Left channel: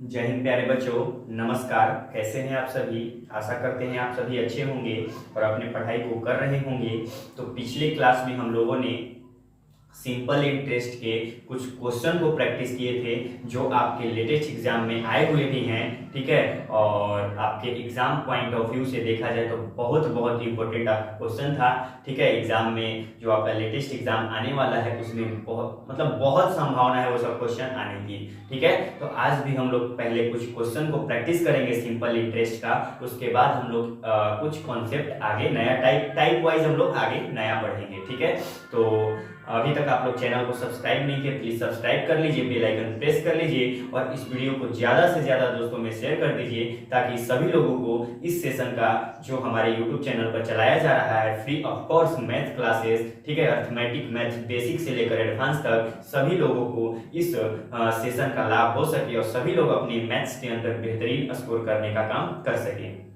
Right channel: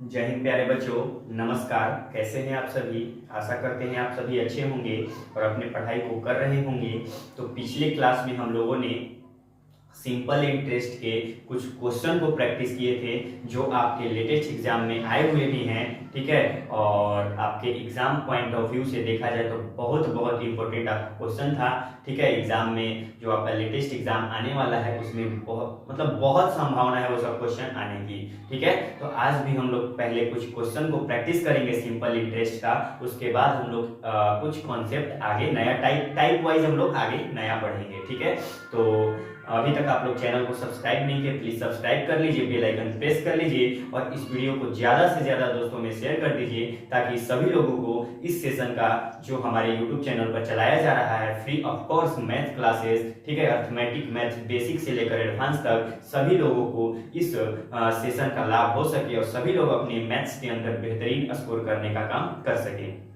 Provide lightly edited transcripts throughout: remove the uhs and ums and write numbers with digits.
जय हिंद प्यारे बच्चों। नमस्कार। कैसे हैं आप सभी। आशा करते हैं आप सभी अच्छे होंगे और अपनी पढ़ाई को कर रहे होंगे। तो पिछले क्लास में हम लोगों ने सिंपल इंटरेस्ट के कुछ क्वेश्चन को प्रैक्टिस किए थे जो आपके लेटेस्ट एग्जाम में आए हुए भी हैं, ठीक है। और आपके एग्जाम पॉइंट ऑफ व्यू से देखा जाए तो बहुत बहुत इंपॉर्टेंट आपका क्वेश्चन था, ठीक है। एग्जाम में जो आपका लेटेस्ट एग्जाम आने वाला है उसमें बहुत संभावना है वो सब क्वेश्चन आने की, ठीक है। तो आज भी हम लोग पहले कुछ क्वेश्चन को प्रैक्टिस करेंगे सिंपल इंटरेस्ट का। उसके बाद हम लोग कुछ कॉन्सेप्ट आगे नया टाइप वाइज हम लोग आगे नया पढ़ेंगे, ठीक है। तो अभी तक आप लोग चैनल को सब्सक्राइब नहीं किए, प्लीज सब्सक्राइब कर लीजिए, बेल आइकन प्रेस कर लीजिए और इस वीडियो को ज्यादा से ज्यादा दोस्तों में शेयर कर दीजिए ताकि सभी लोगों को इस सेशन का जो हमारे यूट्यूब चैनल पर चलाया जा रहा है free of cost math classes, ठीक है, अर्थमेटिक मैथ बेसिक से लेकर एडवांस तक सभी लोगों को इस सेशन का लाभ हो सके और सभी लोग अपनी मैथ्स के अंदर बेहतरीन स्कोर करने का काम कर सकें।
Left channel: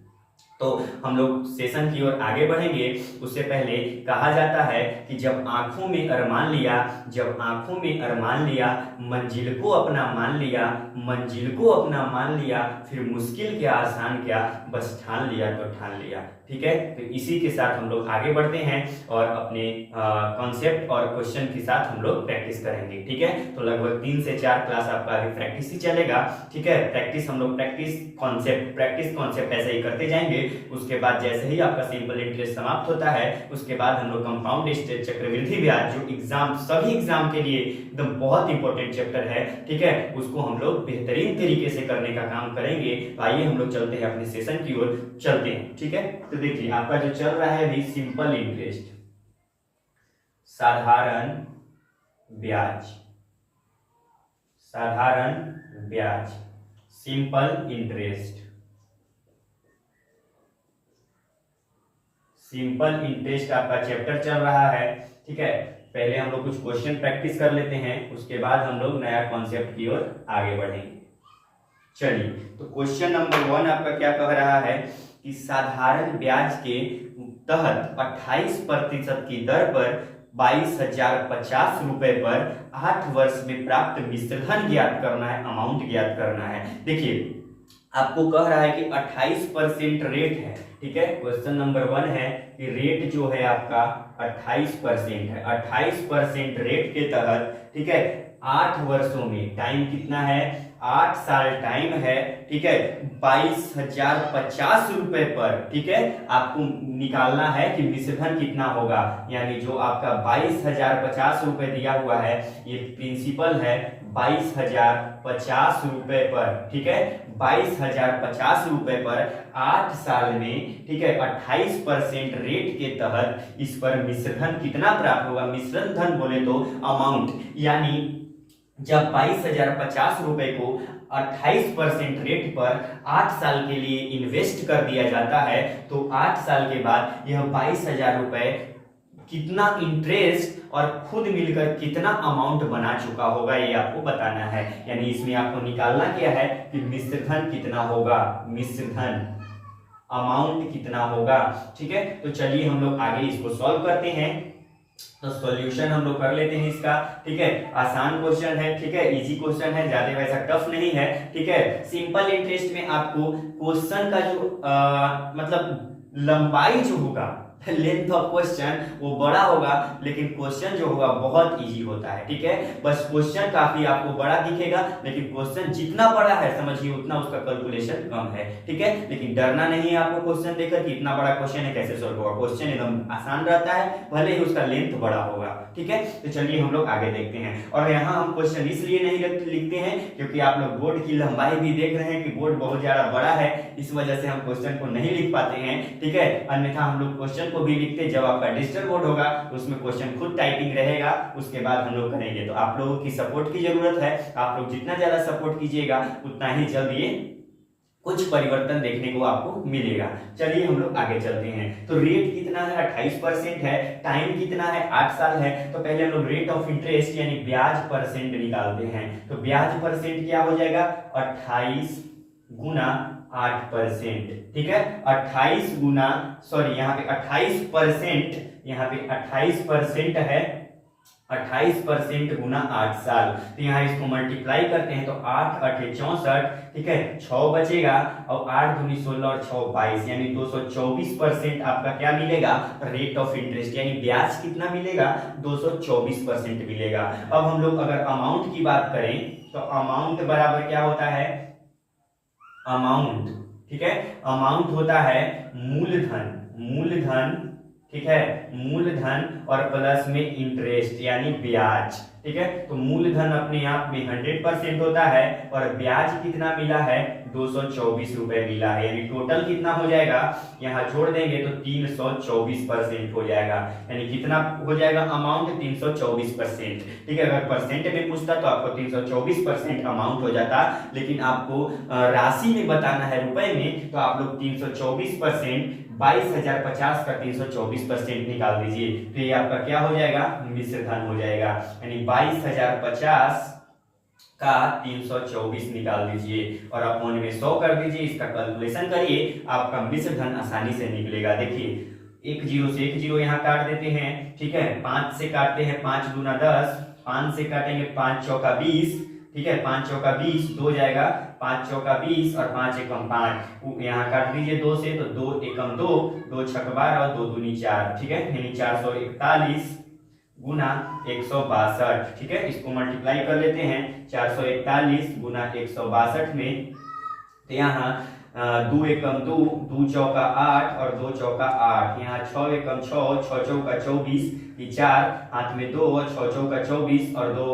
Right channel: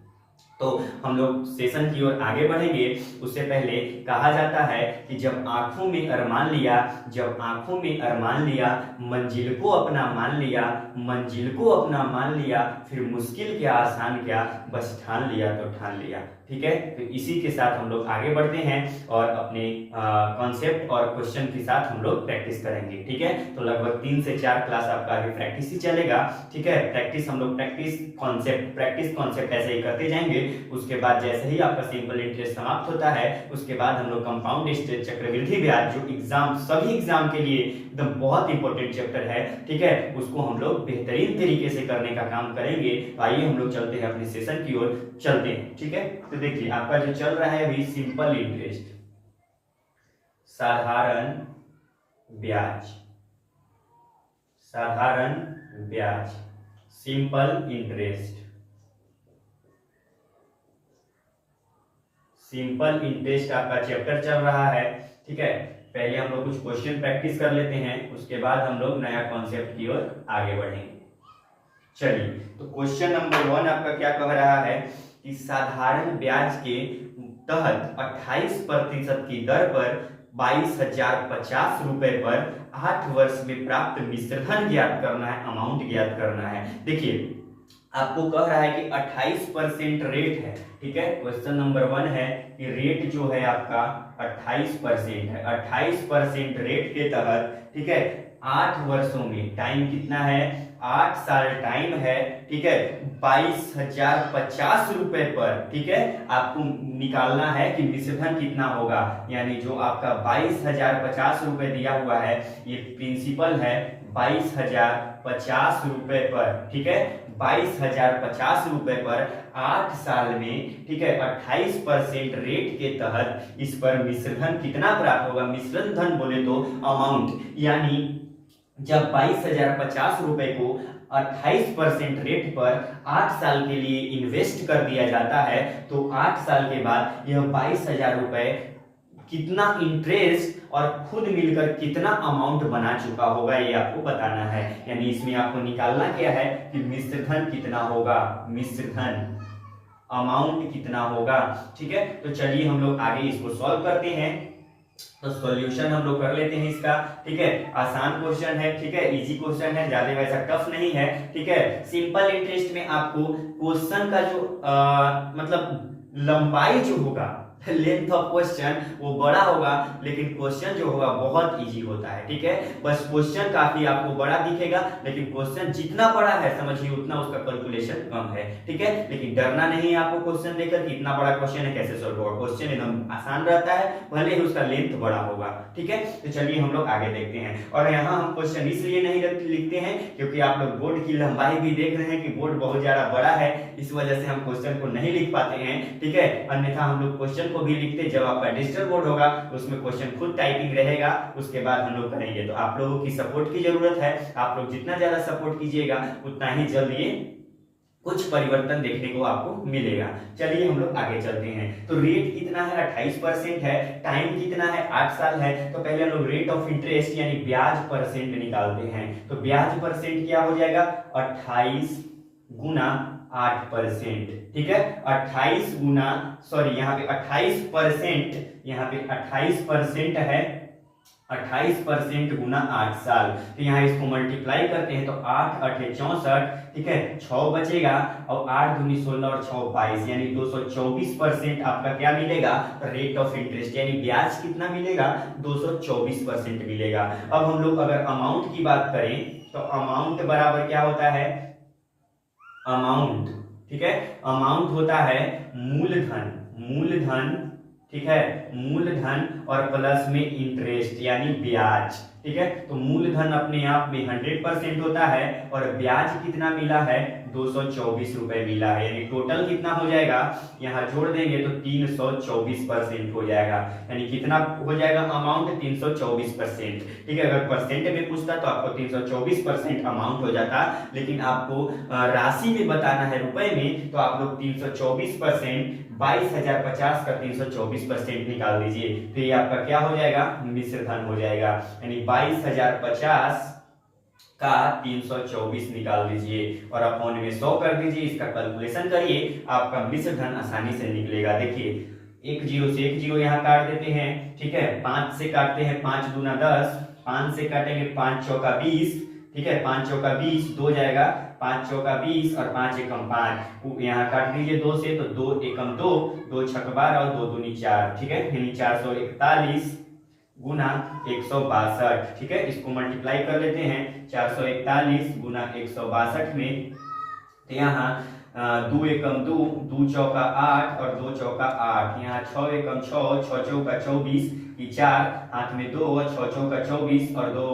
तो हम लोग सेशन की ओर आगे बढ़ेंगे। उससे पहले कहा जाता है कि जब आंखों में अरमान लिया, जब आंखों में अरमान लिया, मंजिल को अपना मान लिया, मंजिल को अपना मान लिया, फिर मुश्किल क्या आसान क्या, बस ठान लिया तो ठान लिया, ठीक है। तो इसी के साथ हम लोग आगे बढ़ते हैं और अपने कॉन्सेप्ट और क्वेश्चन के साथ हम लोग प्रैक्टिस करेंगे, ठीक है। तो लगभग 3 से 4 क्लास आपका अभी प्रैक्टिस ही चलेगा, ठीक है। प्रैक्टिस हम लोग प्रैक्टिस कॉन्सेप्ट ऐसे ही करते जाएंगे। उसके बाद जैसे ही आपका सिंपल इंटरेस्ट समाप्त होता है उसके बाद हम लोग कंपाउंड इंटरेस्ट चक्रवृद्धि ब्याज जो एग्जाम सभी एग्जाम के लिए एकदम बहुत इंपॉर्टेंट चैप्टर है, ठीक है, उसको हम लोग बेहतरीन तरीके से करने का काम करेंगे। तो आइए हम लोग चलते हैं अपने सेशन की ओर चलते हैं, ठीक है। तो देखिए आपका जो चल रहा है अभी सिंपल इंटरेस्ट, साधारण ब्याज, साधारण ब्याज, सिंपल इंटरेस्ट, सिंपल इंटरेस्ट आपका चैप्टर चल रहा है, ठीक है। पहले हम लोग कुछ क्वेश्चन प्रैक्टिस कर लेते हैं, उसके बाद हम लोग नया कॉन्सेप्ट की ओर आगे बढ़ेंगे। चलिए, तो क्वेश्चन नंबर 1 आपका क्या कह रहा है कि साधारण ब्याज के तहत 28% की दर पर 22,050 रुपए पर 8 वर्ष में प्राप्त मिश्रधन ज्ञात करना है, अमाउंट ज्ञात करना है। देखिए आपको कह रहा है कि 28% रेट है, ठीक है। क्वेश्चन नंबर 1 है कि रेट जो है आपका 28% है। 28% रेट के तहत, ठीक है, 8 वर्षों में टाइम कितना है, 8 साल टाइम है, ठीक है, 22,050 रुपए पर, ठीक है, आपको निकालना है कि मिश्रधन कितना होगा। यानी जो आपका 22,050 रुपए दिया हुआ है ये प्रिंसिपल है 22,050 रुपए पर, ठीक है, 22,050 रुपए पर 8 साल में, ठीक है, 28% रेट के तहत इस पर मिश्रधन कितना प्राप्त होगा। मिश्रण धन बोले तो अमाउंट, यानी जब 22,050 रुपए को 28% रेट पर 8 साल के लिए इन्वेस्ट कर दिया जाता है तो 8 साल के बाद यह 22,000 रुपए कितना इंटरेस्ट और खुद मिलकर कितना अमाउंट बना चुका होगा ये आपको बताना है। यानी इसमें आपको निकालना क्या है कि मिश्रधन कितना होगा, मिश्रधन अमाउंट कितना होगा, ठीक है। तो चलिए हम लोग आगे इसको सॉल्व करते हैं। तो सॉल्यूशन हम लोग कर लेते हैं इसका, ठीक है। आसान क्वेश्चन है, ठीक है, इजी क्वेश्चन है, ज्यादा वैसा टफ नहीं है, ठीक है। सिंपल इंटरेस्ट में आपको क्वेश्चन का जो मतलब लंबाई जो होगा, लेंथ ऑफ क्वेश्चन वो बड़ा होगा लेकिन क्वेश्चन जो होगा बहुत इजी होता है, ठीक है। बस क्वेश्चन काफी आपको बड़ा दिखेगा लेकिन क्वेश्चन जितना बड़ा है समझिए उतना उसका कैलकुलेशन कम है, ठीक है। लेकिन डरना नहीं है आपको क्वेश्चन देखकर कि इतना बड़ा क्वेश्चन है कैसे सॉल्व होगा। क्वेश्चन एकदम आसान रहता है भले ही उसका लेंथ बड़ा होगा, ठीक है। तो चलिए हम लोग आगे देखते हैं। और यहाँ हम क्वेश्चन इसलिए नहीं लिखते हैं क्योंकि आप लोग बोर्ड की लंबाई भी देख रहे हैं कि बोर्ड बहुत ज्यादा बड़ा है, इस वजह से हम क्वेश्चन को नहीं लिख पाते हैं, ठीक है। अन्यथा हम लोग क्वेश्चन को भी लिखते जब आपका डिजिटल बोर्ड होगा उसमें क्वेश्चन खुद टाइपिंग रहेगा, उसके बाद हम लोग करेंगे। तो आप लोगों की सपोर्ट की जरूरत है, आप लोग जितना ज्यादा सपोर्ट कीजिएगा उतना ही जल्द ये कुछ परिवर्तन देखने को आपको मिलेगा। चलिए हम लोग आगे चलते हैं। तो रेट कितना है, 28% है, टाइम कितना है, 8 साल है। तो पहले हम लोग रेट ऑफ इंटरेस्ट यानी ब्याज परसेंट निकालते हैं। तो ब्याज परसेंट क्या हो जाएगा, 28 गुना 8%, ठीक है। 28 गुना यहाँ पे 28%, यहाँ पे 28% है, 28% गुना 8 साल। तो यहाँ इसको मल्टीप्लाई करते हैं तो 8 8 64, ठीक है, 6 बचेगा और 8 दूनी 16 और 6 22, यानी 224% आपका क्या मिलेगा, रेट ऑफ इंटरेस्ट, यानी ब्याज कितना मिलेगा, 224% मिलेगा। अब हम लोग अगर अमाउंट की बात करें तो अमाउंट बराबर क्या होता है, अमाउंट, ठीक है, अमाउंट होता है मूलधन, मूलधन, ठीक है, मूलधन और प्लस में इंटरेस्ट यानी ब्याज, ठीक है। तो मूलधन अपने आप में 100% होता है और ब्याज कितना मिला है, 224 रुपए मिला है, यानी टोटल कितना हो जाएगा, यहाँ जोड़ देंगे तो 324% हो जाएगा, यानी कितना हो जाएगा अमाउंट, 324%, ठीक है। अगर परसेंट में पूछता तो आपको 324% अमाउंट हो जाता, लेकिन आपको राशि में बताना है रुपए में, तो आप लोग 324%, 22,050 का 324% निकाल दीजिए, तो ये आपका क्या हो जाएगा, मिश्र धन हो जाएगा, यानी 22,050 का 324 निकाल दीजिए और अपॉन में 100 कर दीजिए, इसका कैलकुलेशन करिए, आपका मिश्र धन आसानी से निकलेगा। देखिए एक जीरो से एक जीरो यहाँ काट देते हैं, ठीक है, 5 से काटते हैं, 5 दूना 10, 5 से काटेंगे 5 चौका 20, ठीक है, 5 चौका 20, 2 जाएगा, 5 चौका 20 और 5 एकम 5, यहाँ काट दीजिए 2 से, तो 2 एकम 2, 2 छक 12 और 2 दूनी 4, ठीक है, यानी 441 गुना 162, ठीक है, इसको मल्टीप्लाई कर लेते हैं, 441 गुना 162 में, तो यहाँ 2 एकम 2, 2 चौका 8 और 2 चौका 8, यहाँ 6 एकम 6, 6 चौका 24, ये 4 हाथ में 2 और 6 चौका 24 और 2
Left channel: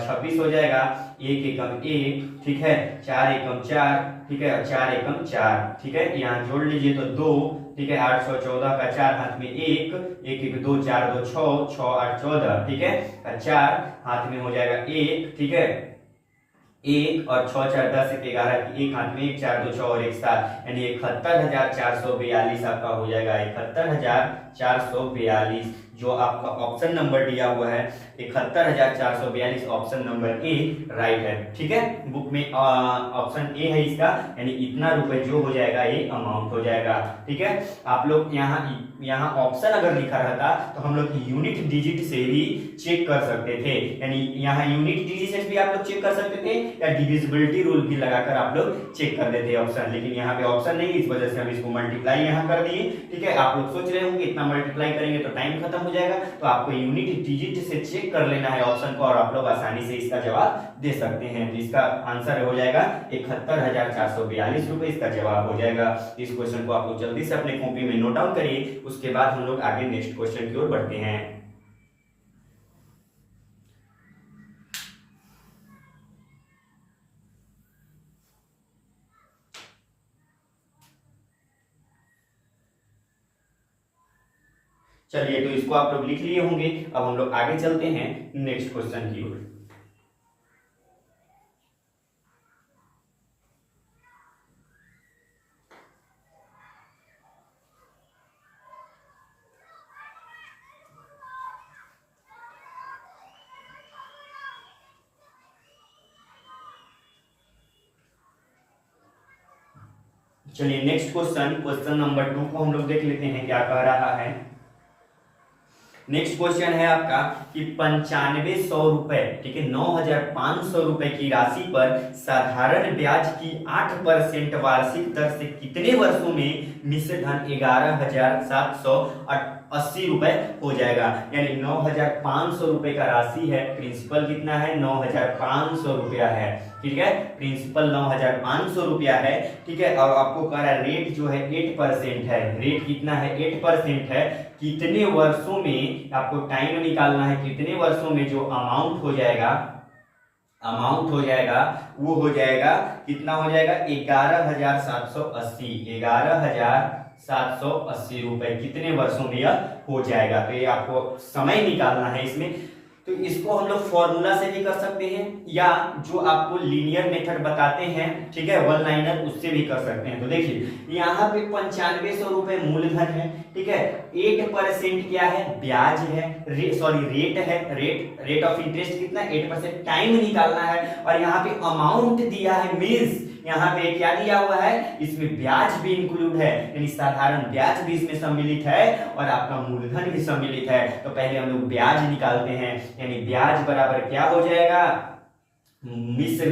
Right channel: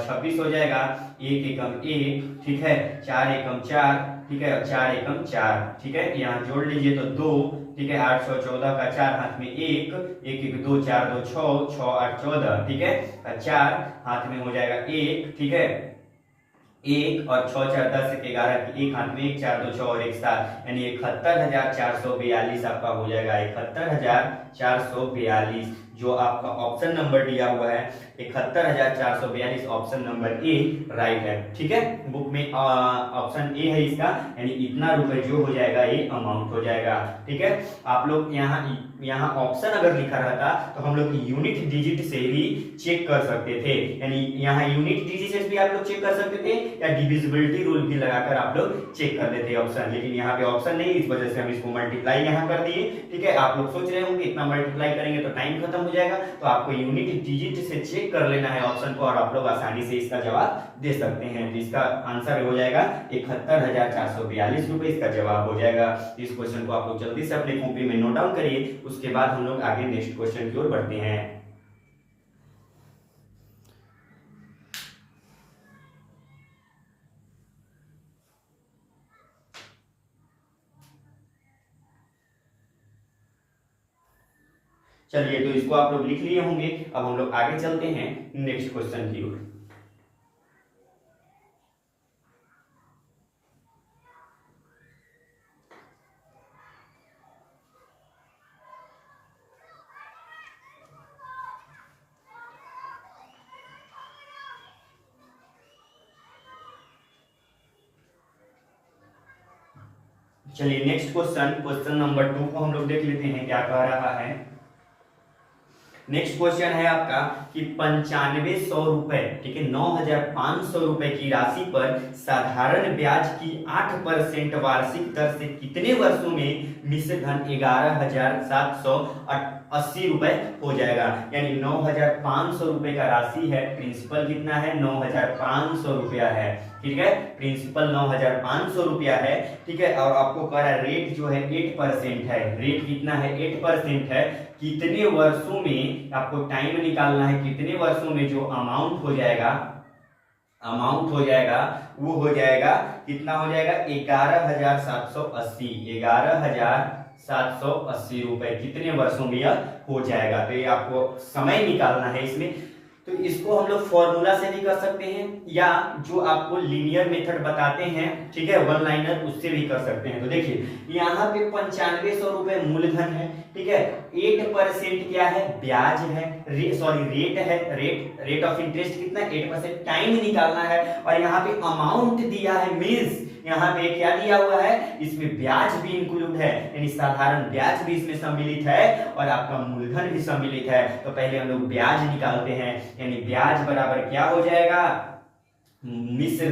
26 हो जाएगा, 1 एकम 1, ठीक है, 4 एकम 4, ठीक है, 4 एकम 4, ठीक है, यहाँ जोड़ लीजिए तो 2, ठीक है, 814 का 4 हाथ में 1, 1 1 2 4 2 6, 6 8 14, ठीक है, 4 हाथ में हो जाएगा 1, ठीक है, 1 और 6 4 10 1 11 की 1 हाथ में 1 4 2 6 और 1 7, यानी 71,442 आपका हो जाएगा, 71,442, जो आपका ऑप्शन नंबर दिया हुआ है 71,442, ऑप्शन नंबर ए राइट है, ठीक है। बुक में ऑप्शन ए है इसका, यानी इतना रुपए जो हो जाएगा ये अमाउंट हो जाएगा, ठीक है। आप लोग यहाँ ऑप्शन अगर लिखा रहता तो हम लोग यूनिट डिजिट से भी चेक कर सकते थे, यानी यहाँ यूनिट डिजिट से भी आप लोग चेक कर सकते थे या डिविजिबिलिटी रूल भी लगाकर आप लोग चेक कर देते ऑप्शन, लेकिन यहाँ पे ऑप्शन नहीं, इस वजह से हम इसको मल्टीप्लाई यहाँ कर दिए, ठीक है। आप लोग सोच रहे होंगे इतना मल्टीप्लाई करेंगे तो टाइम खत्म हो जाएगा, तो आपको यूनिट डिजिट से चेक कर लेना है ऑप्शन को और आप लोग आसानी से इसका जवाब दे सकते हैं। तो इसका आंसर हो जाएगा 71,442 रुपए, इसका जवाब हो जाएगा। इस क्वेश्चन को आप लोग जल्दी से अपने कॉपी में नोट डाउन करिए, उसके बाद हम लोग आगे नेक्स्ट क्वेश्चन की ओर बढ़ते हैं। चलिए, तो इसको आप लोग लिख लिए होंगे, अब हम लोग आगे चलते हैं नेक्स्ट क्वेश्चन की ओर। चलिए नेक्स्ट क्वेश्चन, क्वेश्चन नंबर 2 को हम लोग देख लेते हैं क्या कह रहा है। नेक्स्ट क्वेश्चन है आपका कि 9500 रुपए, ठीक है, 9,500 रुपए की राशि पर साधारण ब्याज की 8% वार्षिक दर से कितने वर्षों में मिश्र धन 11,780 रुपए हो जाएगा, यानी 9,500 रुपए का राशि है, प्रिंसिपल कितना है, 9,500 रुपया है, ठीक है, प्रिंसिपल 9,500 रुपया है, ठीक है, और आपको कह रहा है रेट जो है 8% है, रेट कितना है, 8% है, कितने वर्षों में आपको टाइम निकालना है, कितने वर्षों में जो अमाउंट हो जाएगा, वो हो जाएगा, कितना हो जाएगा, 11,780, 11,780 रुपए कितने वर्षों में यह हो जाएगा। तो ये आपको समय निकालना है इसमें, तो इसको हम लोग फॉर्मूला से भी कर सकते हैं या जो आपको लीनियर मेथड बताते हैं, ठीक है, वन लाइनर, उससे भी कर सकते हैं। तो देखिए यहाँ पे 9500 रुपए मूलधन है, ठीक है, 8% क्या है, ब्याज है, रेट है, रेट ऑफ इंटरेस्ट कितना, 8%, टाइम निकालना है, और यहाँ पे अमाउंट दिया है, मींस यहाँ पे क्या दिया हुआ है, इसमें ब्याज भी इंक्लूड है, यानी साधारण ब्याज भी इसमें सम्मिलित है और आपका मूलधन भी सम्मिलित है। तो पहले हम लोग ब्याज निकालते हैं, यानी ब्याज बराबर क्या हो जाएगा, मिश्र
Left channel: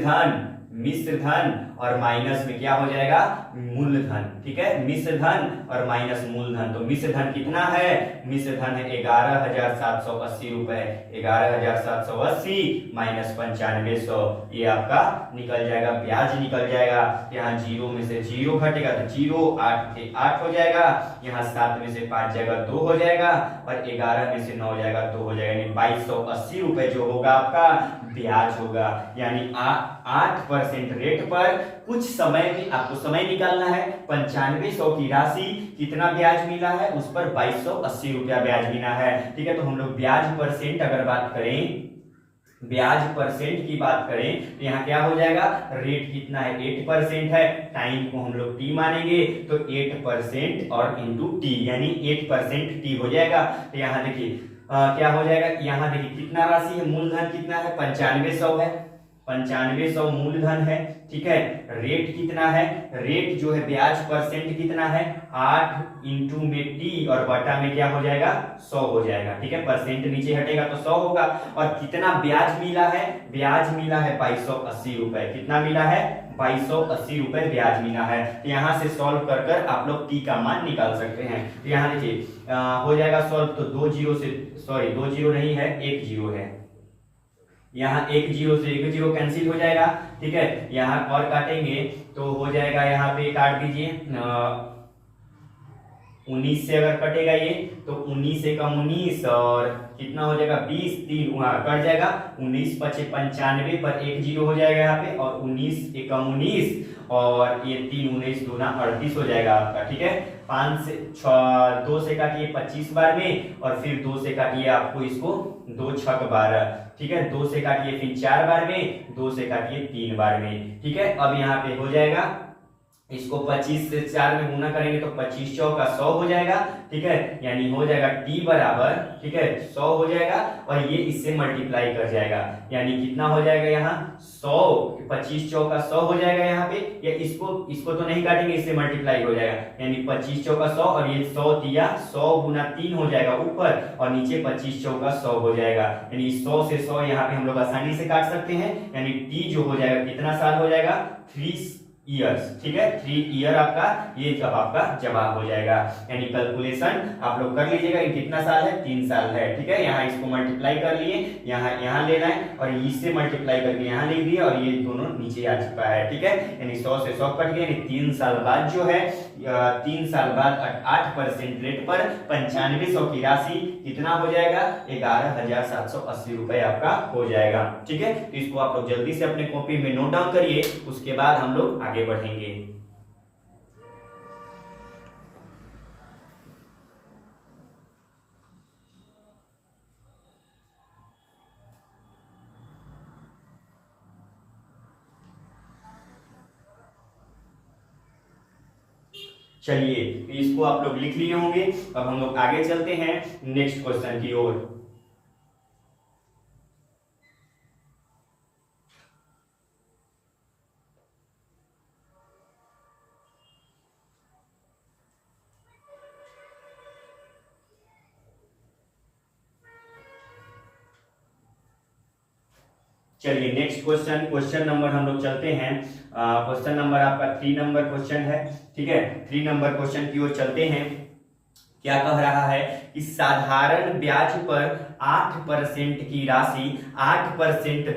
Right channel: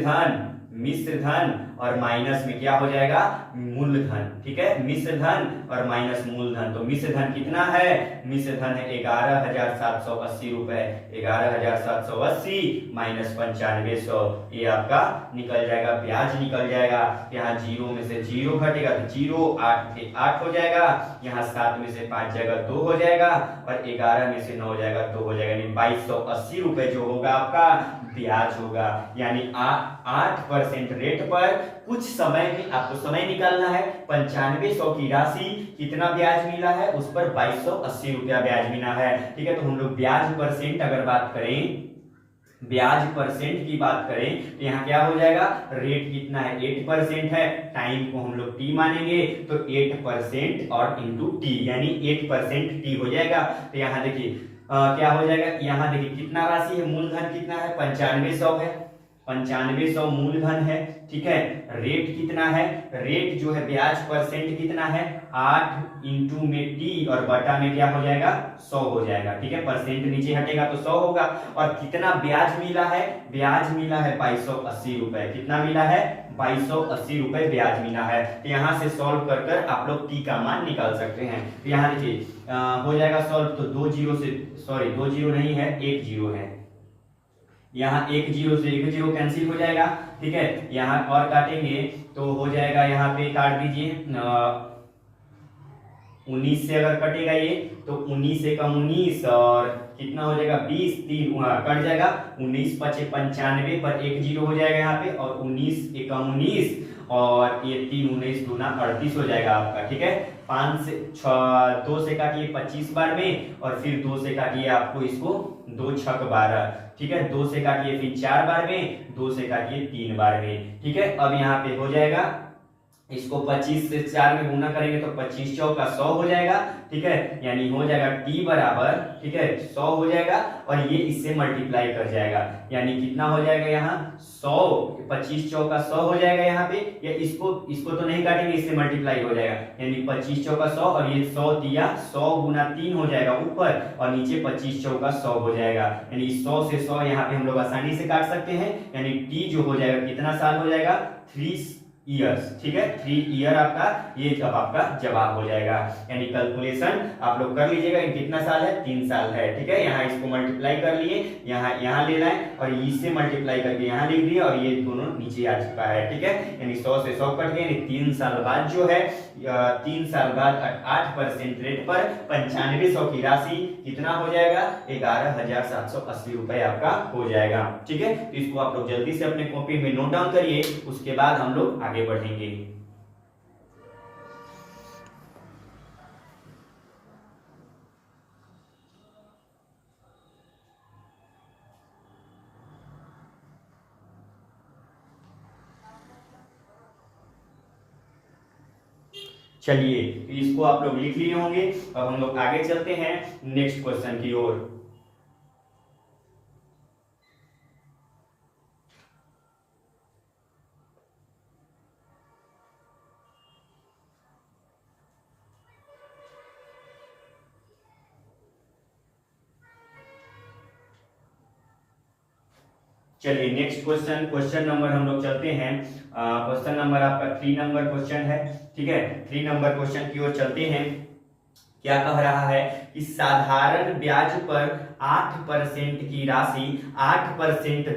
धन और माइनस में क्या हो जाएगा, मूलधन, ठीक है, मिश्र धन और माइनस मूलधन। तो मिश्र धन कितना है, मिश्र धन है 11,780 रुपए, 11,780 माइनस 9500, ये आपका निकल जाएगा, ब्याज निकल जाएगा। यहाँ जीरो में से जीरो घटेगा तो जीरो, 8 से 8 हो जाएगा, यहाँ 7 में से 5 जाएगा 2 हो जाएगा, और 11 में से 9 जाएगा 2 हो जाएगा, यानी 2280 रुपए जो होगा आपका ब्याज होगा। यानी 8% रेट पर कुछ समय में आपको समय निकालना है, 9500 की राशि कितना ब्याज मिला है, उस पर 2280 रुपया ब्याज मिला है, ठीक है। तो हम लोग ब्याज परसेंट अगर बात करें, ब्याज परसेंट की बात करें तो यहाँ क्या हो जाएगा, रेट कितना है, 8% है, टाइम को हम लोग टी मानेंगे, तो 8% और इंटू टी, यानी 8% टी हो जाएगा। तो यहाँ देखिए क्या हो जाएगा, यहाँ देखिए कितना राशि है, मूलधन कितना है, 9500 है, 9500 मूलधन है, ठीक है। रेट कितना है, रेट जो है ब्याज परसेंट कितना है, 8 इंटू में टी और बटा में क्या हो जाएगा, 100 हो जाएगा, ठीक है, परसेंट नीचे हटेगा तो 100 होगा। और कितना ब्याज मिला है, ब्याज मिला है 2280 रुपए, कितना मिला है, 2280 रुपए ब्याज मिला है। यहाँ से सॉल्व कर कर आप लोग टी का मान निकाल सकते हैं। यहाँ देखिए हो जाएगा सॉल्व, तो 2 जीरो से, सॉरी 2 जीरो नहीं है, 1 जीरो है, यहाँ 1 जीरो से 1 जीरो कैंसिल हो जाएगा, ठीक है। यहाँ और काटेंगे तो हो जाएगा, यहाँ पे काट दीजिए, 19 से अगर कटेगा ये तो 19 से कम 19 और कितना हो जाएगा, 20, 3 कट जाएगा, 19 5 95 पर 1 जीरो हो जाएगा यहाँ पे, और 19 एकम 19 और ये 3 19 दूना 38 हो जाएगा आपका, ठीक है। 5 से 2 से काटिए 25 बार में, और फिर 2 से काटिए आपको इसको 2 छक 12, ठीक है, 2 से काटिए फिर 4 बार में, 2 से काटिए 3 बार में, ठीक है। अब यहाँ पे हो जाएगा, इसको 25 से 4 में गुना करेंगे तो 25 चौका 100 हो जाएगा, ठीक है, यानी हो जाएगा t बराबर, ठीक है, 100 हो जाएगा, और ये इससे मल्टीप्लाई कर जाएगा, यानी कितना हो जाएगा यहाँ 100, 25 चौका 100 हो जाएगा यहाँ पे, या इसको तो नहीं काटेंगे, इससे मल्टीप्लाई हो जाएगा, यानी 25 चौका 100, और ये 100 दिया 100 गुना 3 हो जाएगा ऊपर, और नीचे 25 चौका 100 हो जाएगा, यानी 100 से 100 यहाँ पे हम लोग आसानी से काट सकते हैं, यानी t जो हो जाएगा कितना साल हो जाएगा, 3 ईयर्स, ठीक है, 3 ईयर आपका ये जब आपका जवाब हो जाएगा। यानी कैलकुलेशन आप लोग कर लीजिएगा, कितना साल है, 3 साल है, ठीक है। यहाँ इसको मल्टीप्लाई कर लिए, यहाँ लेना है, और इससे मल्टीप्लाई करके यहाँ लिख दिया, और ये दोनों नीचे आ चुका है, ठीक है। यानी 100 से 100 कट गया, यानी 3 साल बाद जो है, 3 साल बाद 8% रेट पर 9500 की राशि कितना हो जाएगा, 11,780 रुपए आपका हो जाएगा, ठीक है। तो इसको आप लोग जल्दी से अपने कॉपी में नोट डाउन करिए, उसके बाद हम लोग आगे बढ़ेंगे। चलिए इसको आप लोग लिख लिए होंगे, अब हम लोग आगे चलते हैं नेक्स्ट क्वेश्चन की ओर। चलिए नेक्स्ट क्वेश्चन नंबर हम लोग चलते हैं, क्वेश्चन नंबर आपका 3 नंबर क्वेश्चन है, ठीक है। 3 नंबर क्वेश्चन की ओर चलते हैं। क्या कह रहा है कि साधारण ब्याज पर 8% की राशि 8%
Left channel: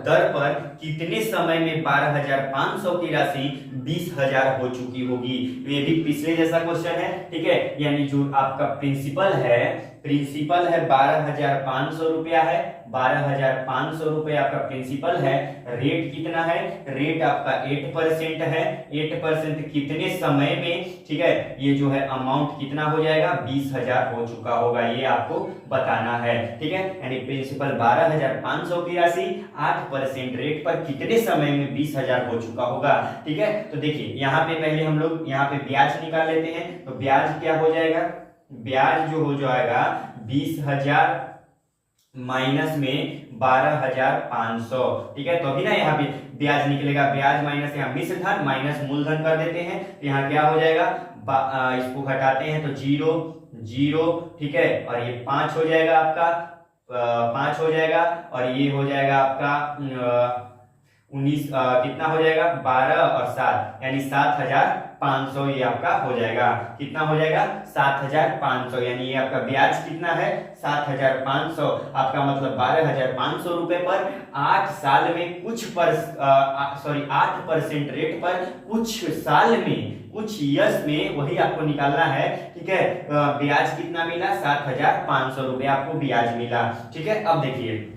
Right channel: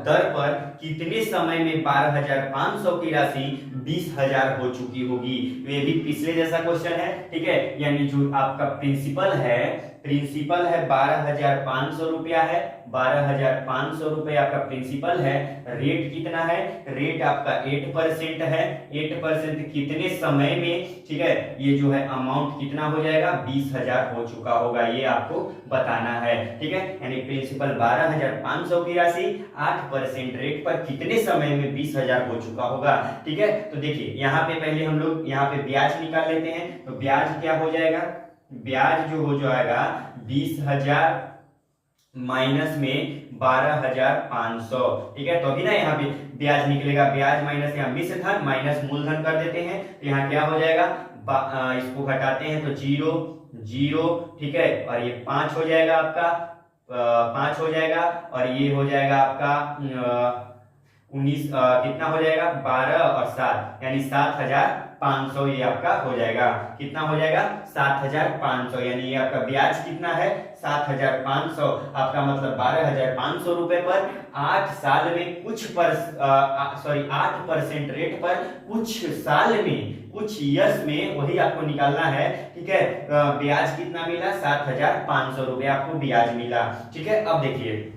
दर पर कितने समय में 12,500 की राशि 20,000 हो चुकी होगी। तो ये भी पिछले जैसा क्वेश्चन है, ठीक है, यानी जो आपका प्रिंसिपल है प्रिंसिपल है 12,500 रुपया है, 12,500 रुपये आपका प्रिंसिपल है। रेट कितना है? रेट आपका 8% है। 8% कितने समय में, ठीक है, ये जो है अमाउंट कितना हो जाएगा? 20,000 हो चुका होगा, ये आपको बताना है, ठीक है। यानी प्रिंसिपल 12,500 की राशि 8% रेट पर कितने समय में 20,000 हो चुका होगा, ठीक है। तो देखिए यहाँ पे पहले हम लोग यहाँ पे ब्याज निकाल लेते हैं। तो ब्याज क्या हो जाएगा? ब्याज जो हो जाएगा 20,000 माइनस में 12,500, ठीक है। तो अभी ना यहाँ पे ब्याज निकलेगा, ब्याज माइनस यहाँ मिश्र धन माइनस मूलधन कर देते हैं। तो यहाँ क्या हो जाएगा? इसको घटाते हैं तो 0 0, ठीक है, और ये 5 हो जाएगा आपका, 5 हो जाएगा, और ये हो जाएगा आपका 19, कितना हो जाएगा? 12 और 7 यानी 7,500 ये आपका हो जाएगा। कितना हो जाएगा? 7,500, यानी ये आपका ब्याज कितना है? 7,500। आपका मतलब 12,500 रुपए पर 8 साल में कुछ 8% रेट पर कुछ साल में, कुछ ईयर्स में, वही आपको निकालना है, ठीक है। ब्याज कितना मिला? 7,500 रुपए आपको ब्याज मिला, ठीक है। अब देखिए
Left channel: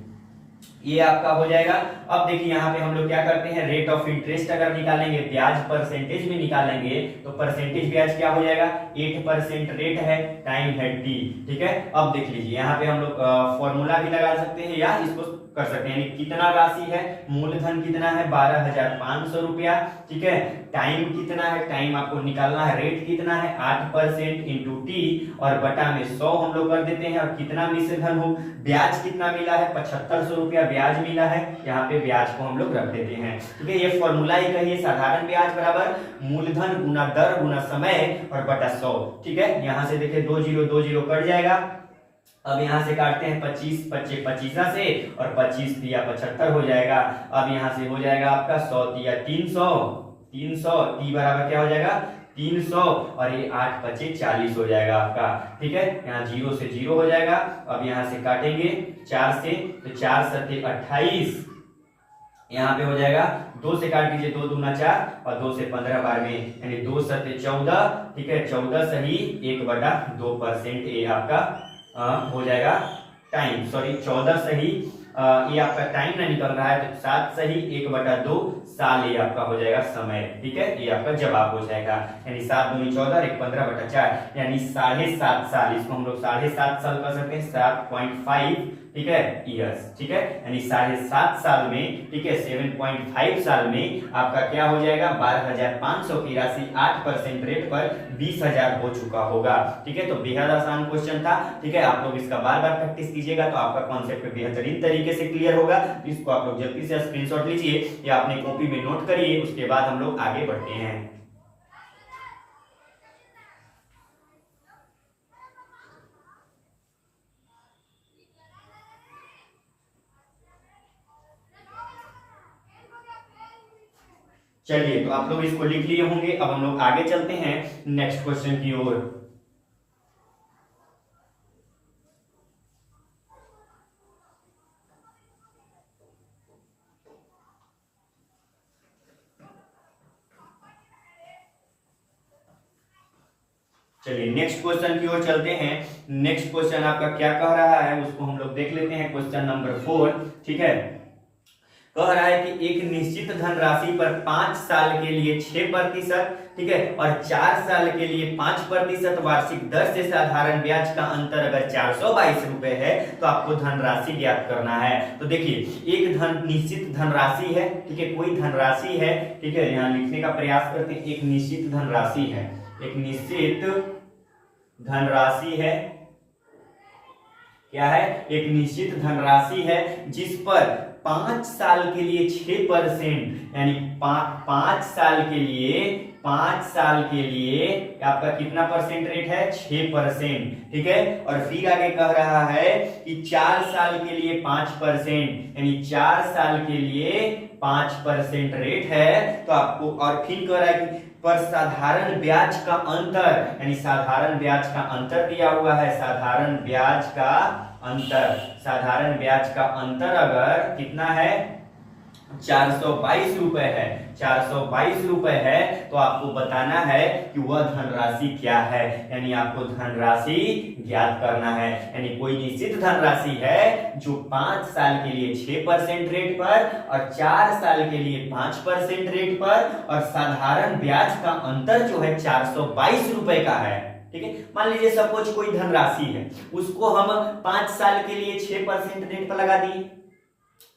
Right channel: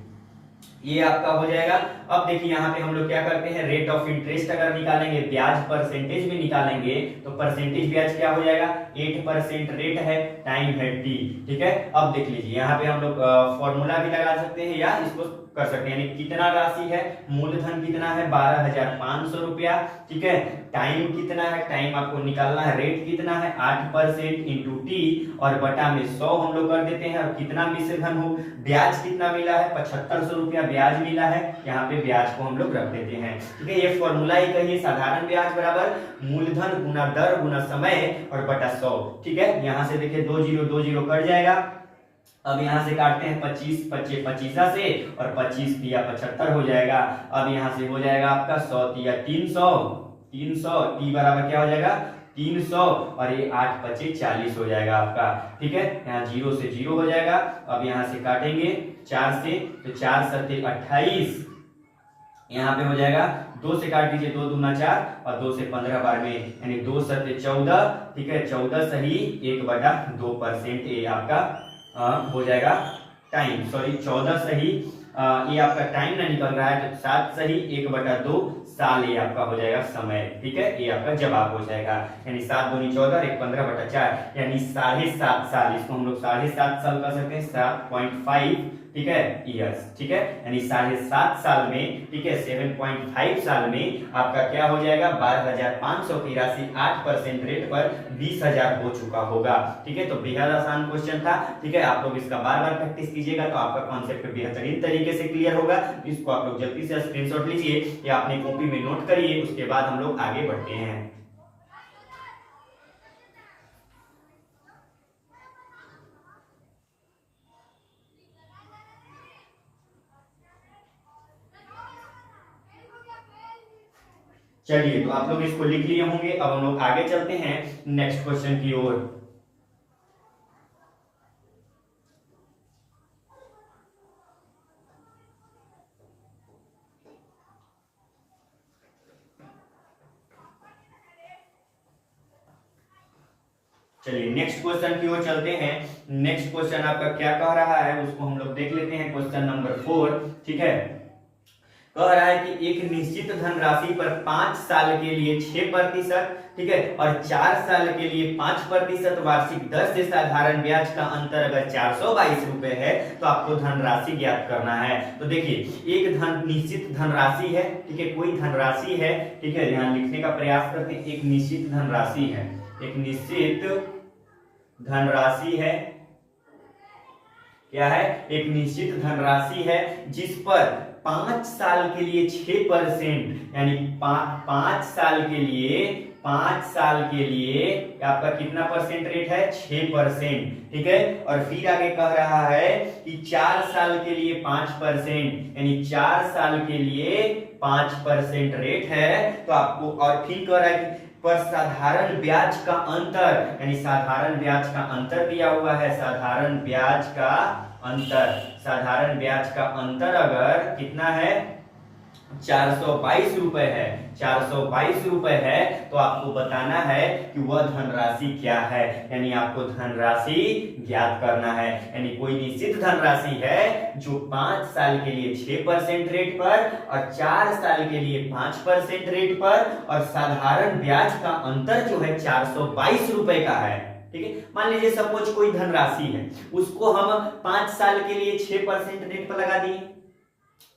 ये आपका हो जाएगा। अब देखिए यहाँ पे हम लोग क्या करते हैं, रेट ऑफ इंटरेस्ट अगर निकालेंगे, ब्याज परसेंटेज में निकालेंगे, तो परसेंटेज ब्याज क्या हो जाएगा? 8% रेट है, टाइम है t, ठीक है। अब देख लीजिए यहाँ पे हम लोग फॉर्मूला भी लगा सकते हैं या इसको कर सकते हैं। यानी कितना राशि है? मूलधन कितना है? 12,500 रुपया, ठीक है। टाइम कितना है? टाइम आपको निकालना है। रेट कितना है? 8% इंटू टी और बटा में 100 हम लोग कर देते हैं। और कितना मिश्र धन हो? ब्याज कितना मिला है? 7,500 रुपया ब्याज मिला है। यहाँ पे ब्याज को हम लोग रख देते हैं, ठीक है। ये फॉर्मूला ही कहिए, साधारण ब्याज बराबर मूलधन गुना दर गुना समय और बटा 100, ठीक है। यहाँ से देखिए 2 0 2 0 कट जाएगा। अब यहाँ से काटते हैं 25 25 25 से, और 25 तिया 75 हो जाएगा। अब यहाँ से हो जाएगा आपका 100 तिया 300, 300 टी बराबर क्या हो जाएगा? 300, और ये 8 25 40 हो जाएगा आपका, ठीक है। यहाँ 0 से 0 हो जाएगा। अब यहाँ से काटेंगे 4 से, तो 4 7 28, यहाँ पे हो जाएगा 2 से काट दीजिए, 2 दूना 4 और 2 से 15 बार में, यानी 2 7 14, ठीक है। 14 सही 1/2%, ये आपका हो जाएगा टाइम, सॉरी 14 सही, ये आपका टाइम ना निकल रहा है, तो 7 सही 1/2 साल ये आपका हो जाएगा समय, ठीक है। ये आपका जवाब हो जाएगा, यानी 7 दूनी 14 1 15/4, यानी 7.5 साल, इसको हम लोग 7.5 साल कर सकते हैं, 7.5, ठीक है, ईयर्स, ठीक है। यानी 7.5 साल में, ठीक है, 7.5 साल में आपका क्या हो जाएगा? 12,500 की राशि 8% रेट पर 20,000 हो चुका होगा, ठीक है। तो बेहद आसान क्वेश्चन था, ठीक है। आप लोग इसका बार बार प्रैक्टिस कीजिएगा तो आपका कॉन्सेप्ट बेहतरीन तरीके से क्लियर होगा। इसको आप लोग जल्दी से स्क्रीनशॉट लीजिए या अपनी कॉपी में नोट करिए, उसके बाद हम लोग आगे बढ़ते हैं। चलिए, तो आप लोग इसको लिख लिए होंगे। अब हम लोग आगे चलते हैं नेक्स्ट क्वेश्चन की ओर। चलिए नेक्स्ट क्वेश्चन की ओर चलते हैं। नेक्स्ट क्वेश्चन आपका क्या कह रहा है उसको हम लोग देख लेते हैं। क्वेश्चन नंबर 4, ठीक है, कह रहा है कि एक निश्चित धनराशि पर 5 साल के लिए 6%, ठीक है, और 4 साल के लिए 5% वार्षिक दर से साधारण ब्याज का अंतर अगर 422 रुपए है तो आपको धनराशि ज्ञात करना है। तो देखिए एक निश्चित धनराशि है, ठीक है, कोई धनराशि है, ठीक है, यहाँ लिखने का प्रयास करते हैं। एक निश्चित धनराशि है, एक निश्चित धनराशि है, क्या है? एक निश्चित धनराशि है जिस पर 5 साल के लिए 6%, यानी 5 साल के लिए, 5 साल के लिए आपका कितना परसेंट रेट है? 6%, ठीक है। और फिर आगे कह रहा है कि 4 साल के लिए 5%, यानी 4 साल के लिए 5% रेट है। तो आपको, और फिर कह रहा है कि पर साधारण ब्याज का अंतर, यानी साधारण ब्याज का अंतर दिया हुआ है, साधारण ब्याज का अंतर, साधारण ब्याज का अंतर अगर कितना है? 422 रुपए है, 422 रुपए है, तो आपको बताना है कि वह धनराशि क्या है, यानी आपको धनराशि ज्ञात करना है। यानी कोई निश्चित धनराशि है जो 5 साल के लिए 6% रेट पर और 4 साल के लिए 5% रेट पर और साधारण ब्याज का अंतर जो है 422 रुपए का है। ठीक है, मान लीजिए सपोज कोई धनराशि है, उसको हम 5 साल के लिए 6% रेट पर लगा दिए,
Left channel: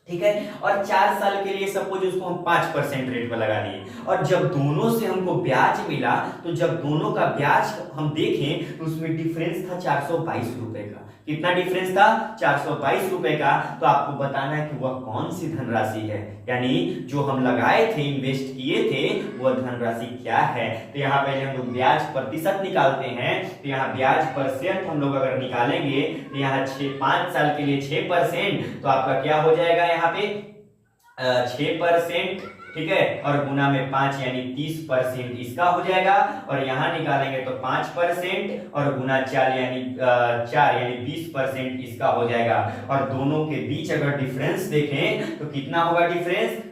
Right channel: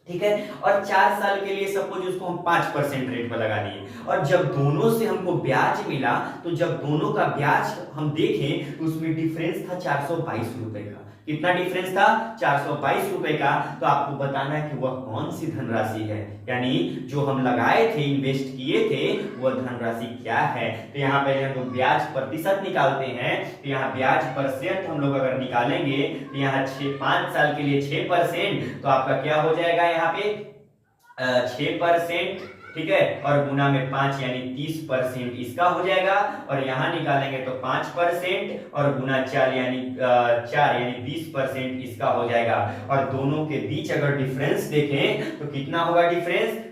ठीक है, और 4 साल के लिए सपोज उसको हम 5% रेट पर लगा दिए, और जब दोनों से हमको ब्याज मिला तो जब दोनों का ब्याज हम देखें तो उसमें डिफरेंस था 422 रुपए का। कितना डिफरेंस था? 422 रुपए का। तो आपको बताना है कि वह कौन सी धनराशि है, यानी जो हम लगाए थे, इन्वेस्ट किए थे, वह धनराशि क्या है। तो यहाँ पहले हम लोग ब्याज प्रतिशत निकालते हैं। तो यहाँ ब्याज परसेंट हम लोग अगर निकालेंगे तो यहाँ 5 साल के लिए 6%, तो आपका क्या हो जाएगा यहाँ पे 6%, ठीक है, और गुना में 5 यानी 30% इसका हो जाएगा, और यहाँ निकालेंगे तो 5% और गुना 4 यानी 20% इसका हो जाएगा। और दोनों के बीच अगर डिफरेंस देखें तो कितना होगा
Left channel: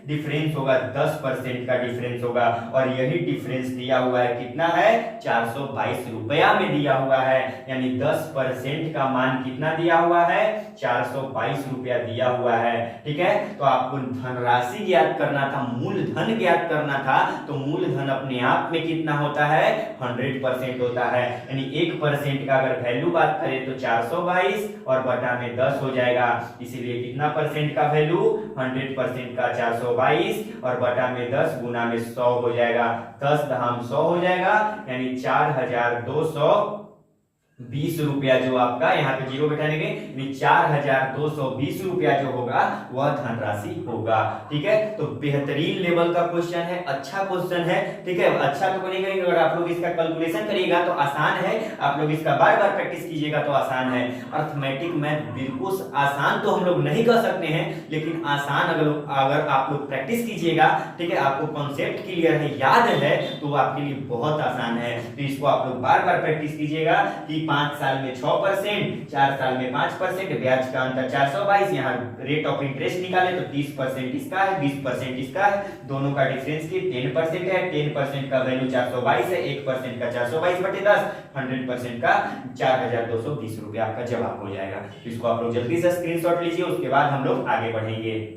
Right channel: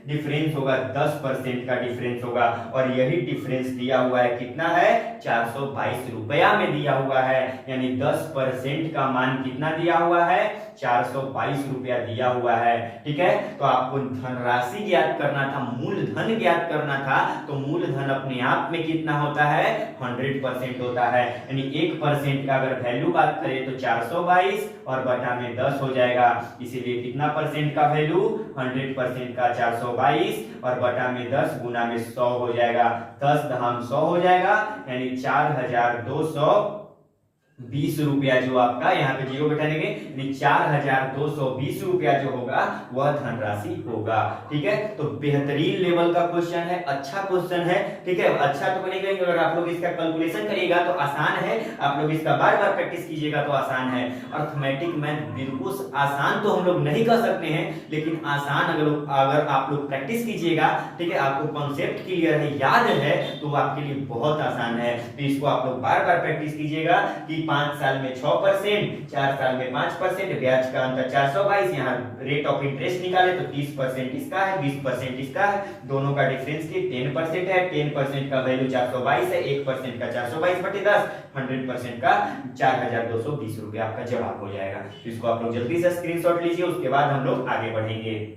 डिफरेंस होगा 10% का डिफरेंस होगा, और यही डिफरेंस दिया हुआ है, कितना है 422 रुपया में दिया हुआ है, यानी 10% का मान कितना दिया हुआ है 422 रुपया दिया हुआ है। ठीक है, तो आपको धनराशि ज्ञात करना था, मूलधन ज्ञात करना था, तो मूलधन अपने आप में कितना होता है 100% होता है, यानी 1% का अगर वैल्यू बात करें तो 422 और बटा में 10 हो जाएगा, इसीलिए कितना परसेंट का वैल्यू 100% का 422 और बटा में 10 गुना में 100 हो जाएगा, 10 दहाम 100 हो जाएगा, यानी 4220 रुपया जो आपका यहाँ पे जीरो बैठा देंगे, यानी 4220 रुपया जो होगा वह धनराशि होगा। ठीक है, तो बेहतरीन लेवल का क्वेश्चन है, अच्छा क्वेश्चन है। ठीक है, अच्छा तो बनेगा, अगर आप लोग इसका कैलकुलेशन करिएगा तो आसान है, आप लोग इसका बार बार प्रैक्टिस कीजिएगा तो आसान है। अर्थमेटिक मैथ बिल्कुल आसान तो हम लोग नहीं कर सकते हैं, लेकिन आसान अगर आप लोग प्रैक्टिस कीजिएगा, ठीक है, आपको कॉन्सेप्ट क्लियर है, याद है, तो आपके लिए बहुत आसान है। तो इसको आप लोग बार बार प्रैक्टिस कीजिएगा कि 5 साल में 6%, 4 साल में 5%, ब्याज का अंतर 422, यहाँ रेट ऑफ इंटरेस्ट निकाले तो 30% इसका है, 20% इसका है, दोनों का डिफरेंस की 10% है, 10% का वैल्यू 422 है, 1% का 422/10, 100% का 4220 रुपया आपका जवाब हो जाएगा। तो इसको आप लोग जल्दी से स्क्रीनशॉट लीजिए, उसके बाद हम लोग आगे बढ़ेंगे।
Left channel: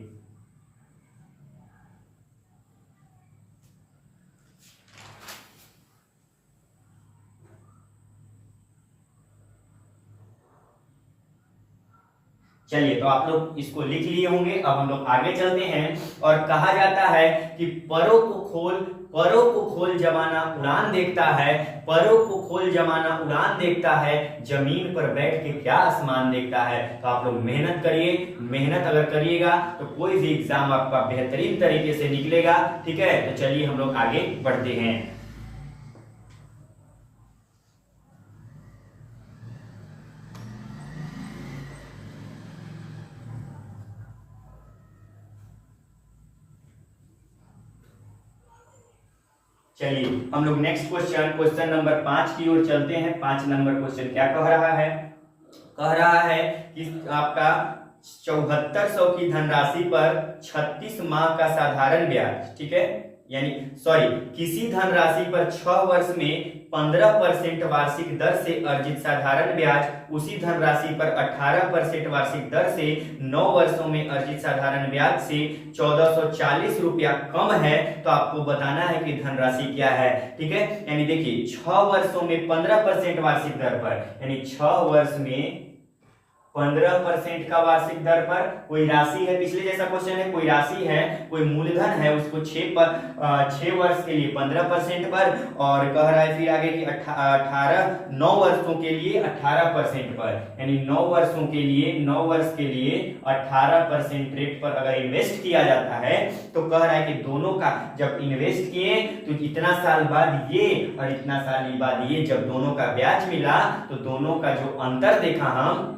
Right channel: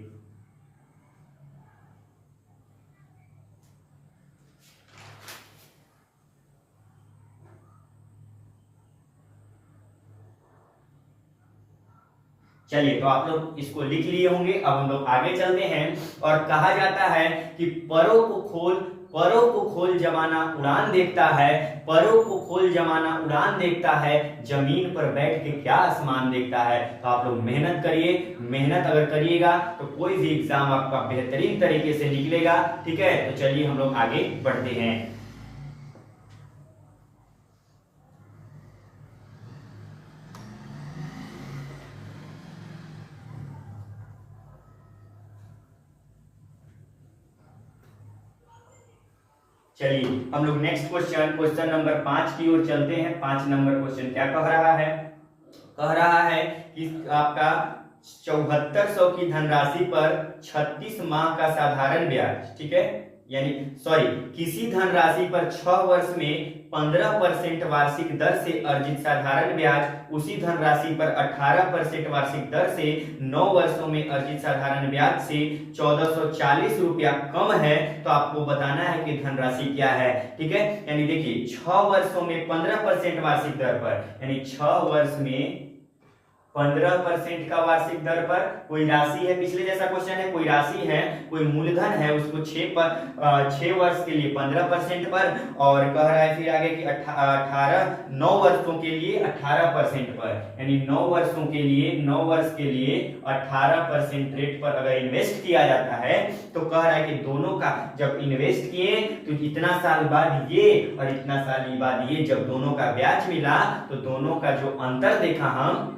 चलिए, तो आप लोग इसको लिख लिए होंगे। अब हम लोग आगे चलते हैं, और कहा जाता है कि परों को खोल जमाना उड़ान देखता है, परों को खोल जमाना उड़ान देखता है, जमीन पर बैठ के क्या आसमान देखता है। तो आप लोग मेहनत करिए, मेहनत अगर करिएगा तो कोई भी एग्जाम आपका बेहतरीन तरीके से निकलेगा। ठीक है, तो चलिए हम लोग आगे बढ़ते हैं। चलिए हम लोग नेक्स्ट क्वेश्चन नंबर 5 की ओर चलते हैं। 5 नंबर क्वेश्चन क्या कह रहा है? कह रहा है कि आपका 7400 की धनराशि पर 36 माह का साधारण ब्याज, ठीक है, यानी सॉरी, किसी धनराशि पर 6 वर्ष में 15% वार्षिक दर से अर्जित साधारण ब्याज उसी धनराशि पर 18% वार्षिक दर से 9 वर्षों में अर्जित साधारण ब्याज से 1440 रुपया कम है, तो आपको बताना है कि धनराशि क्या है। ठीक है, यानी देखिए 6 वर्षों में 15% वार्षिक दर पर, यानी 6 वर्ष में 15% का वार्षिक दर पर कोई राशि है, पिछले जैसा क्वेश्चन है, कोई राशि है, कोई मूलधन है, उसको 6 वर्ष के लिए 15% पर, और कह रहा है फिर आगे कि 9 वर्षों के लिए 18% पर, यानी 9 वर्षों के लिए 18% रेट पर अगर इन्वेस्ट किया जाता है, तो कह रहा है कि दोनों का जब इन्वेस्ट किए तो इतना साल बाद ये और इतना साल बाद ये, जब दोनों का ब्याज मिला तो दोनों का जो अंतर देखा हम,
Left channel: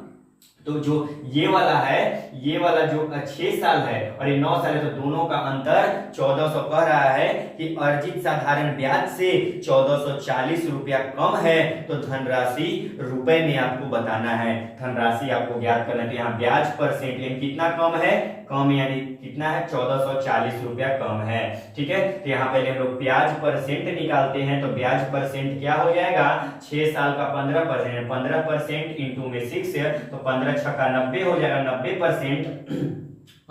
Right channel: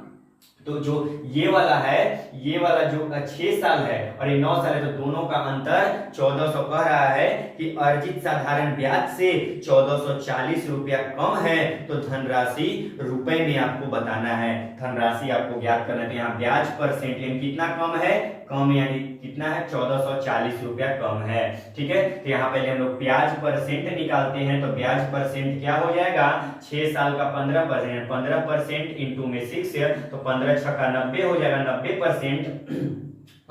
तो जो ये वाला जो 6 साल है और ये 9 साल है, तो दोनों का अंतर 1400 कह रहा है कि अर्जित साधारण ब्याज से 1440 रुपया कम है, तो धनराशि रुपए में आपको बताना है, धनराशि आपको ज्ञात करना है। तो यहाँ ब्याज परसेंट यानी कितना कम है, कम यानी कितना है 1440 रुपया कम है। ठीक है, तो यहाँ पहले हम लोग ब्याज परसेंट निकालते हैं। तो ब्याज परसेंट क्या हो जाएगा, 6 साल का 15%, 15% इंटू में 6 है तो 15 छक्का 90 हो जाएगा, 90%।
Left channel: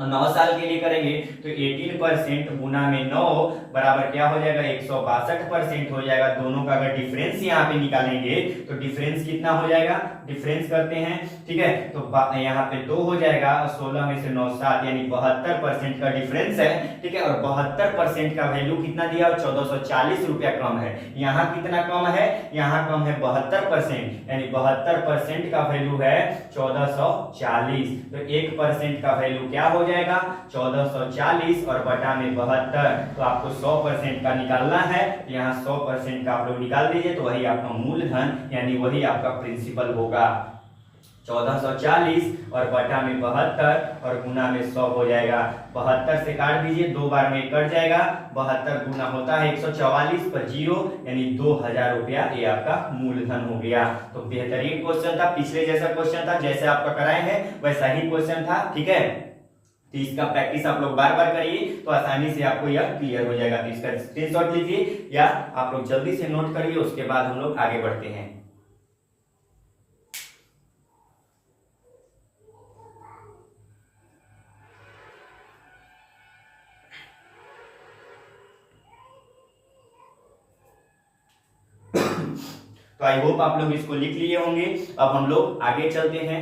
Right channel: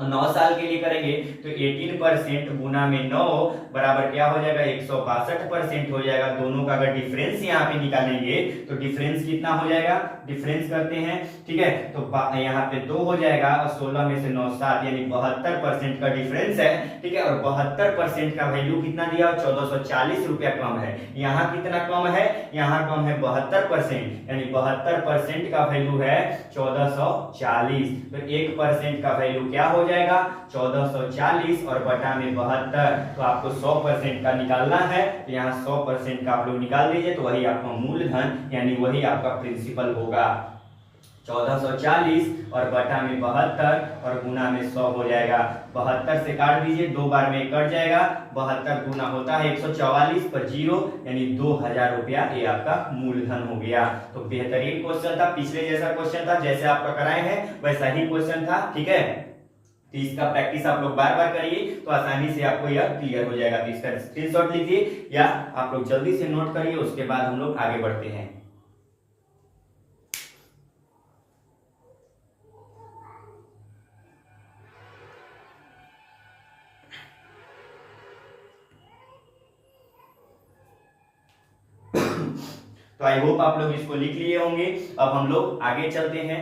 9 साल के लिए करेंगे तो 18% गुना में 9 बराबर क्या हो जाएगा, 162% हो जाएगा। दोनों का अगर डिफरेंस यहाँ पे निकालेंगे तो डिफरेंस कितना हो जाएगा, डिफरेंस करते हैं। ठीक है, तो यहाँ पे 2 हो जाएगा और 16 में से 9 7 यानी 72% का डिफरेंस है। ठीक है, और 72% का वैल्यू कितना दिया, 1440 रुपया कम है। यहाँ कितना कम है, यहाँ कम है 72%, यानी 72% का वैल्यू है 1440। तो 1% का वैल्यू क्या हो जाएगा, 1440 और बटा में 72। तो आपको 100% का निकालना है, तो यहाँ 100% का आप लोग निकाल दीजिए, तो वही आपका मूलधन यानी वही आपका प्रिंसिपल होगा। 1440 और बटा में 72 और गुना में 100 हो जाएगा। 72 से काट दीजिए, 2 बार में कट जाएगा। 72 गुना होता है 144 पर 0 यानी 2000 रुपया, ये आपका मूलधन हो गया। तो बेहतरीन क्वेश्चन था, पिछले जैसा क्वेश्चन था, जैसे आपका कराए हैं वैसा ही क्वेश्चन था। ठीक है, तो इसका प्रैक्टिस आप लोग बार बार करिए तो आसानी से आपको यह क्लियर हो जाएगा। तो इसका स्क्रीनशॉट लीजिए या आप लोग जल्दी से नोट करिए, उसके बाद हम लोग आगे बढ़ते हैं। तो आई होप आप लोग इसको लिख लिए होंगे। अब हम लोग आगे चलते हैं।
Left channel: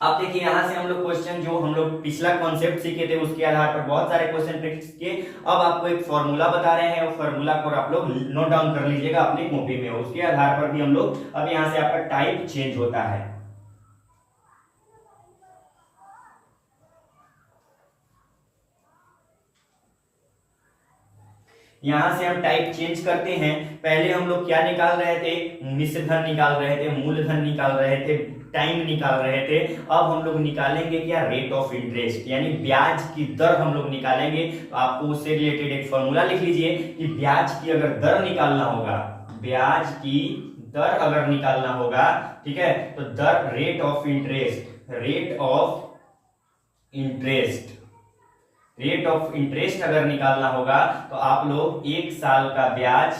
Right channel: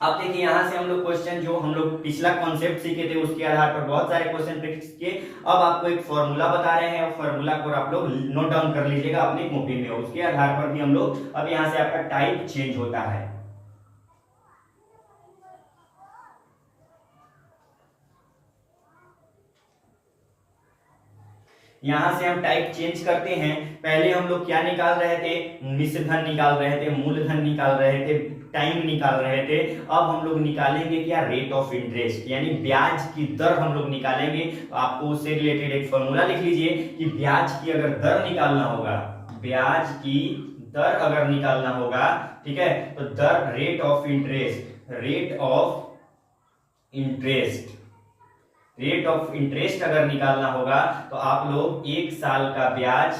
अब देखिए यहां से हम लोग क्वेश्चन जो हम लोग पिछला कॉन्सेप्ट सीखे थे उसके आधार पर बहुत सारे क्वेश्चन प्रैक्टिस किए। अब आपको एक फॉर्मूला बता रहे हैं, और फॉर्मूला को आप लोग नोट डाउन कर लीजिएगा अपनी कॉपी में। उसके आधार पर भी हम लोग अब यहां से आपका टाइप चेंज होता है। यहां से हम टाइप चेंज करते हैं। पहले हम लोग क्या निकाल रहे थे, मिश्र धन निकाल रहे थे, मूलधन निकाल रहे थे, टाइम निकाल रहे थे। अब हम लोग निकालेंगे क्या, रेट ऑफ इंटरेस्ट यानी ब्याज की दर हम लोग निकालेंगे। तो आपको उससे रिलेटेड एक फॉर्मूला लिख लीजिए कि ब्याज की अगर दर निकालना होगा, ब्याज की दर अगर निकालना होगा, ठीक है, तो दर rate of interest, rate of interest, rate of interest अगर निकालना होगा तो आप लोग 1 साल का ब्याज,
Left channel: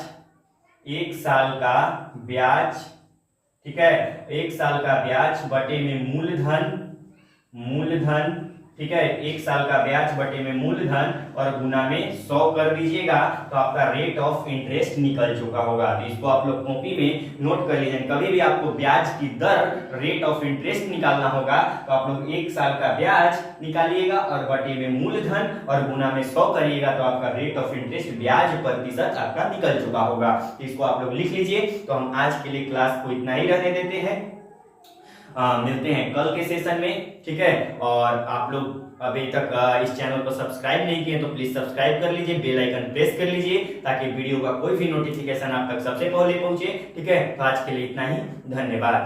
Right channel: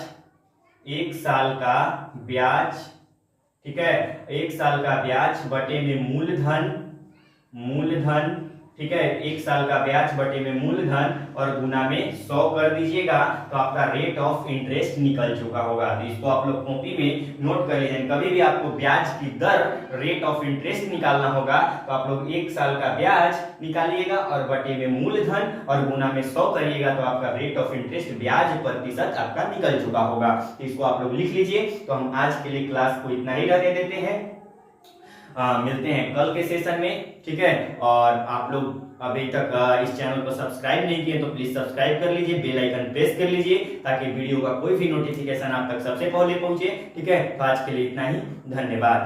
1 साल का ब्याज, ठीक है, 1 साल का ब्याज बटे में मूलधन, मूलधन, ठीक है, 1 साल का ब्याज बटे में मूलधन और गुना में 100 कर दीजिएगा तो आपका रेट ऑफ इंटरेस्ट निकल चुका होगा। तो इसको आप लोग कॉपी में नोट कर लीजिए। कभी भी आपको ब्याज की दर, रेट ऑफ इंटरेस्ट निकालना होगा तो आप लोग 1 साल का ब्याज निकालिएगा और बटे में मूलधन और गुना में 100 करिएगा तो आपका रेट ऑफ इंटरेस्ट, ब्याज प्रतिशत आपका निकल चुका होगा। तो इसको आप लोग लिख लीजिए। तो हम आज के लिए क्लास को इतना ही रहने देते हैं। मिलते हैं कल के सेशन में, ठीक है। और आप लोग अभी तक इस चैनल को सब्सक्राइब नहीं किए तो प्लीज सब्सक्राइब कर लीजिए, बेल आइकन प्रेस कर लीजिए ताकि वीडियो का कोई भी नोटिफिकेशन आप तक सबसे पहले पहुंचे, ठीक है। तो आज के लिए इतना ही, धन्यवाद।